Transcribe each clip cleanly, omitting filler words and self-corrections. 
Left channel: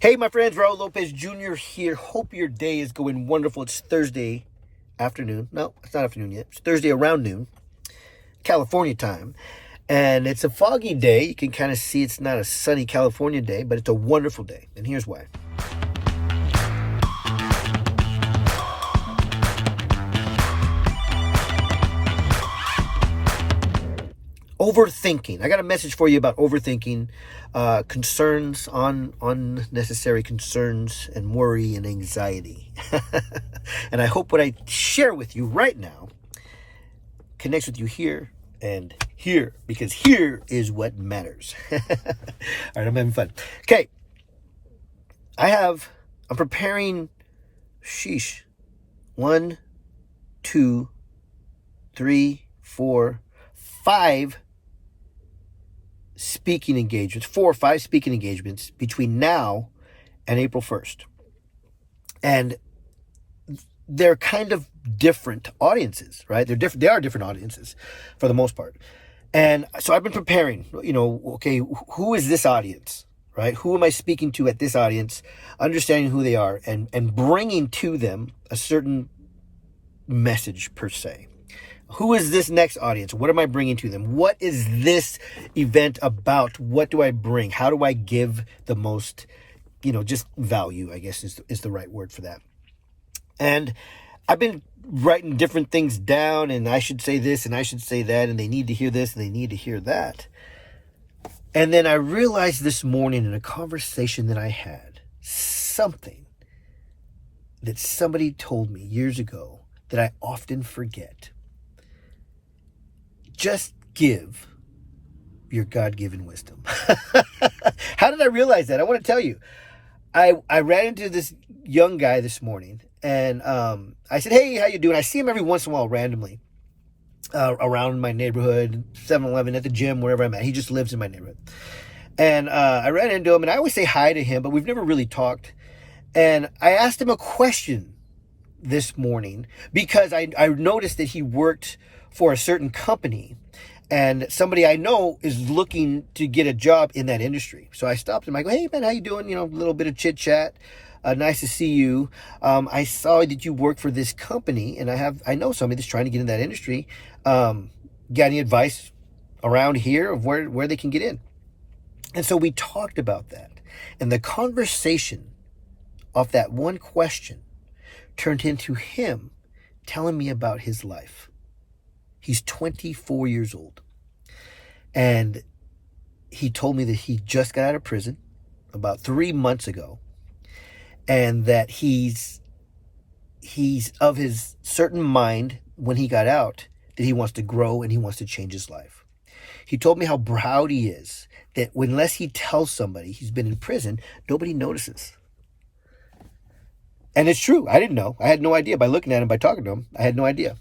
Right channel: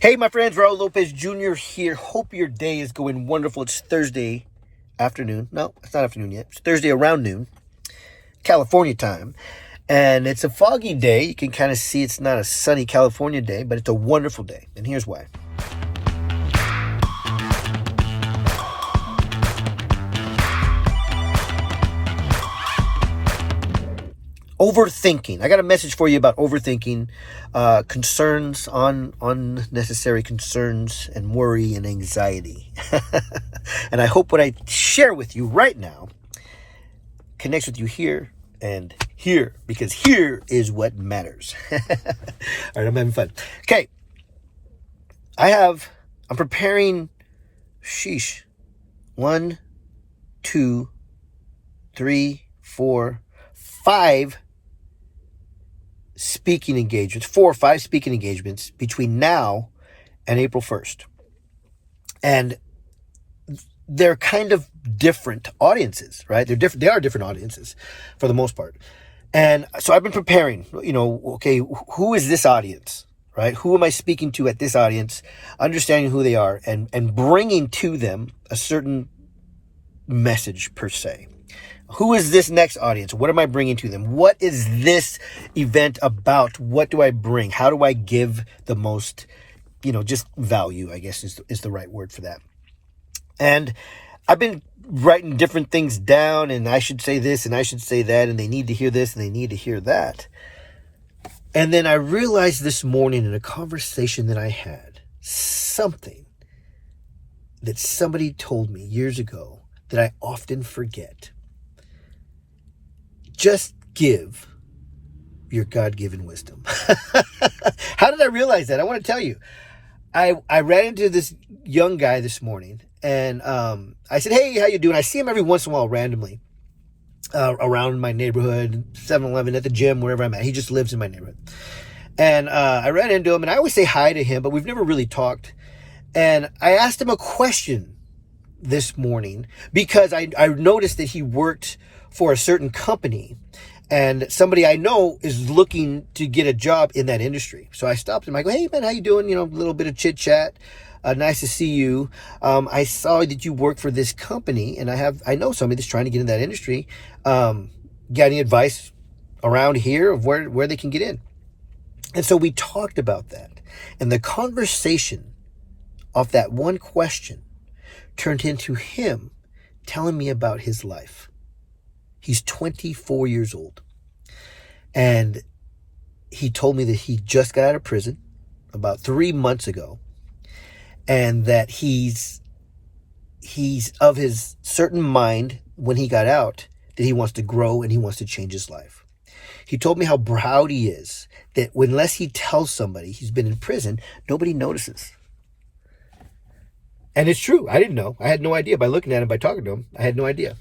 Hey, my friends, Raul Lopez Jr. here. Hope your day is going wonderful. It's Thursday afternoon. No, it's not afternoon yet. It's Thursday around noon, California time. And it's a foggy day. You can kind of see it's not a sunny California day, but it's a wonderful day. And here's why. Overthinking. I got a message for you about overthinking, concerns, unnecessary concerns, and worry and anxiety. And I hope what I share with you right now connects with you here and here, because here is what matters. All right, I'm having fun. Okay. I'm preparing, 1, 2, 3, 4, 5 speaking engagements, 4 or 5 speaking engagements between now and April 1st. And they're kind of different audiences, right? They are different audiences for the most part. And so I've been preparing, okay, who is this audience, right? Who am I speaking to at this audience, understanding who they are and bringing to them a certain message per se. Who is this next audience? What am I bringing to them? What is this event about? What do I bring? How do I give the most, just value, I guess is the right word for that. And I've been writing different things down, and I should say this and I should say that, and they need to hear this and they need to hear that. And then I realized this morning in a conversation that I had, something that somebody told me years ago that I often forget. Just give your God-given wisdom. How did I realize that? I want to tell you. I ran into this young guy this morning, and I said, hey, how you doing? I see him every once in a while randomly around my neighborhood, 7-Eleven, at the gym, wherever I'm at. He just lives in my neighborhood. And I ran into him, and I always say hi to him, but we've never really talked. And I asked him a question this morning because I noticed that he worked for a certain company, and somebody I know is looking to get a job in that industry. So I stopped him. I go, hey man, how you doing? A little bit of chit chat. Nice to see you. I saw that you work for this company, and I know somebody that's trying to get in that industry. Got any advice around here of where they can get in? And so we talked about that, and the conversation of that one question turned into him telling me about his life. He's 24 years old. And he told me that he just got out of prison about 3 months ago. And that he's of his certain mind when he got out that he wants to grow and he wants to change his life. He told me how proud he is that unless he tells somebody he's been in prison, nobody notices. And it's true. I didn't know. I had no idea. By looking at him, by talking to him, I had no idea.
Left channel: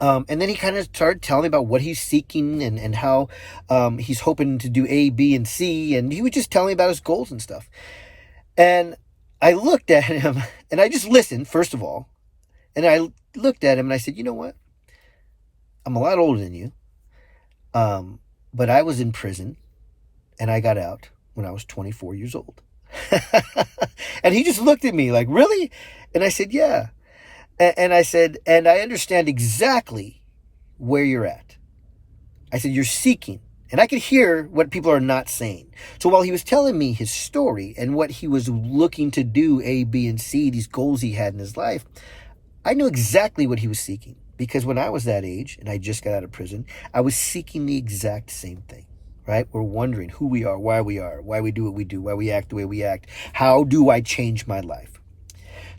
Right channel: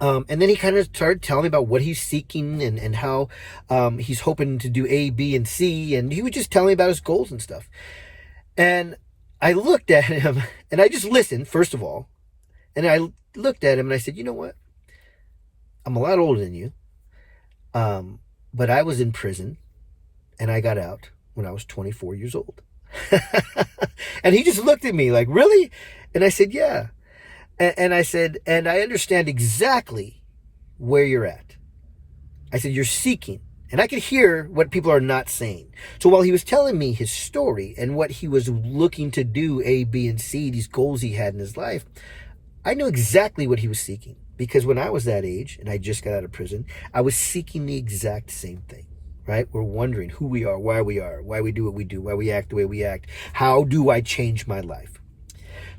And then he kind of started telling me about what he's seeking and how he's hoping to do A, B, and C. And he was just telling me about his goals and stuff. And I looked at him, and I just listened, first of all. And I looked at him, and I said, you know what? I'm a lot older than you. But I was in prison, and I got out when I was 24 years old. And he just looked at me like, really? And I said, yeah. And I said, and I understand exactly where you're at. I said, you're seeking. And I could hear what people are not saying. So while he was telling me his story and what he was looking to do, A, B, and C, these goals he had in his life, I knew exactly what he was seeking. Because when I was that age and I just got out of prison, I was seeking the exact same thing, right? We're wondering who we are, why we do what we do, why we act the way we act. How do I change my life?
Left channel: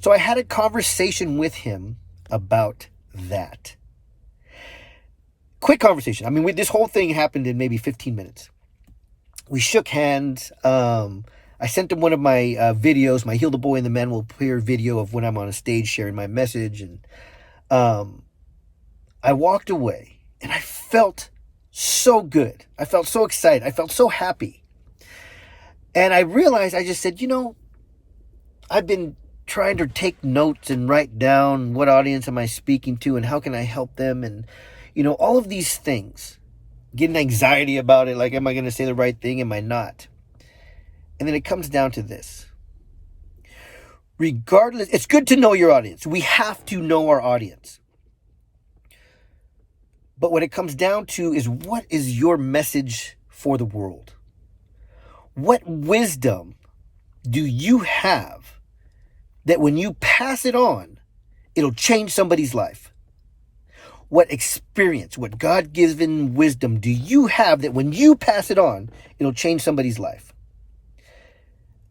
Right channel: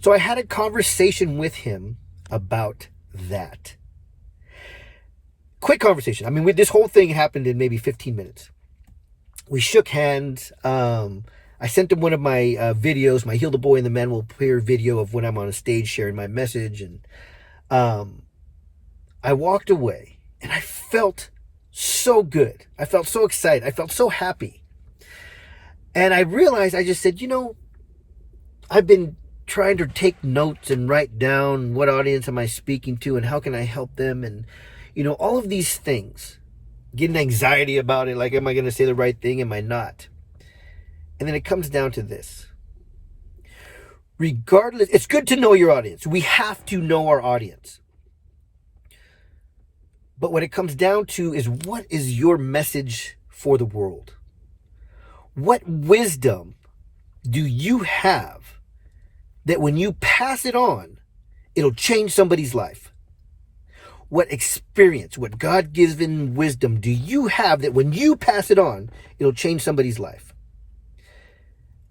So I had a conversation with him about that. Quick conversation. I mean, this whole thing happened in maybe 15 minutes. We shook hands. I sent him one of my videos, my Heal the Boy and the Man Will Appear video of when I'm on a stage sharing my message. And I walked away, and I felt so good. I felt so excited. I felt so happy. And I realized, I just said, I've been trying to take notes and write down what audience am I speaking to and how can I help them, and all of these things, getting anxiety about it, like, am I going to say the right thing, am I not? And then it comes down to this: regardless, it's good to know your audience. We have to know our audience. But what it comes down to is, what is your message for the world? What wisdom do you have that when you pass it on, it'll change somebody's life? What experience, what God-given wisdom do you have that when you pass it on, it'll change somebody's life?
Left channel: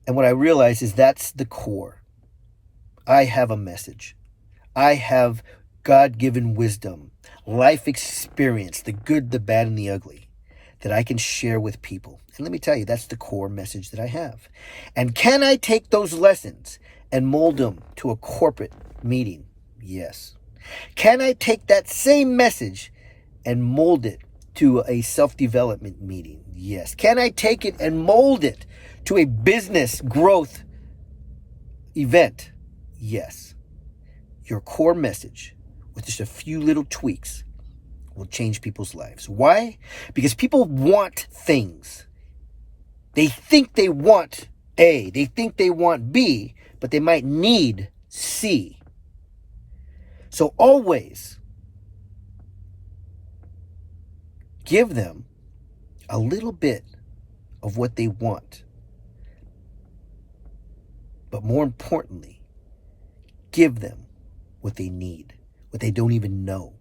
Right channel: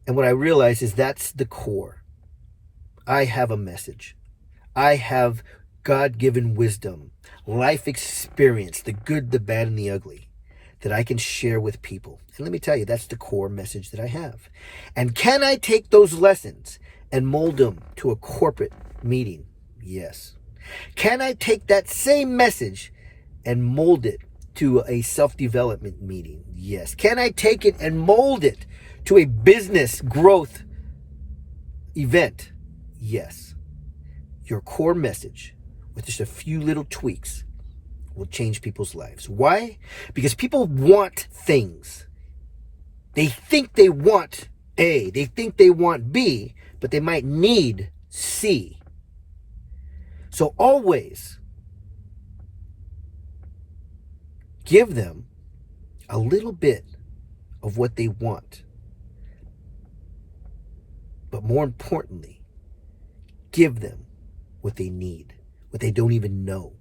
And what I realize is that's the core. I have a message. I have God-given wisdom, life experience, the good, the bad, and the ugly, that I can share with people. And let me tell you, that's the core message that I have. And can I take those lessons and mold them to a corporate meeting? Yes. Can I take that same message and mold it to a self-development meeting? Yes. Can I take it and mold it to a business growth event? Yes. Your core message, with just a few little tweaks, will change people's lives. Why? Because people want things. They think they want A, they think they want B, but they might need C. So always give them a little bit of what they want. But more importantly, give them what they need, what they don't even know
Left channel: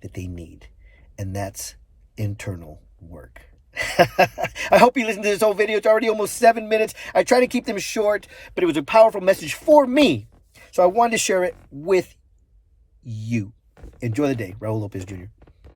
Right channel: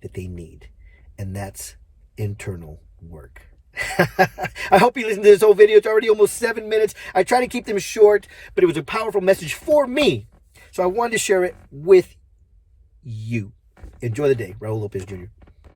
that they need. And that's internal work. I hope you listened to this whole video. It's already almost 7 minutes. I try to keep them short, but it was a powerful message for me. So I wanted to share it with you. Enjoy the day. Raul Lopez Jr.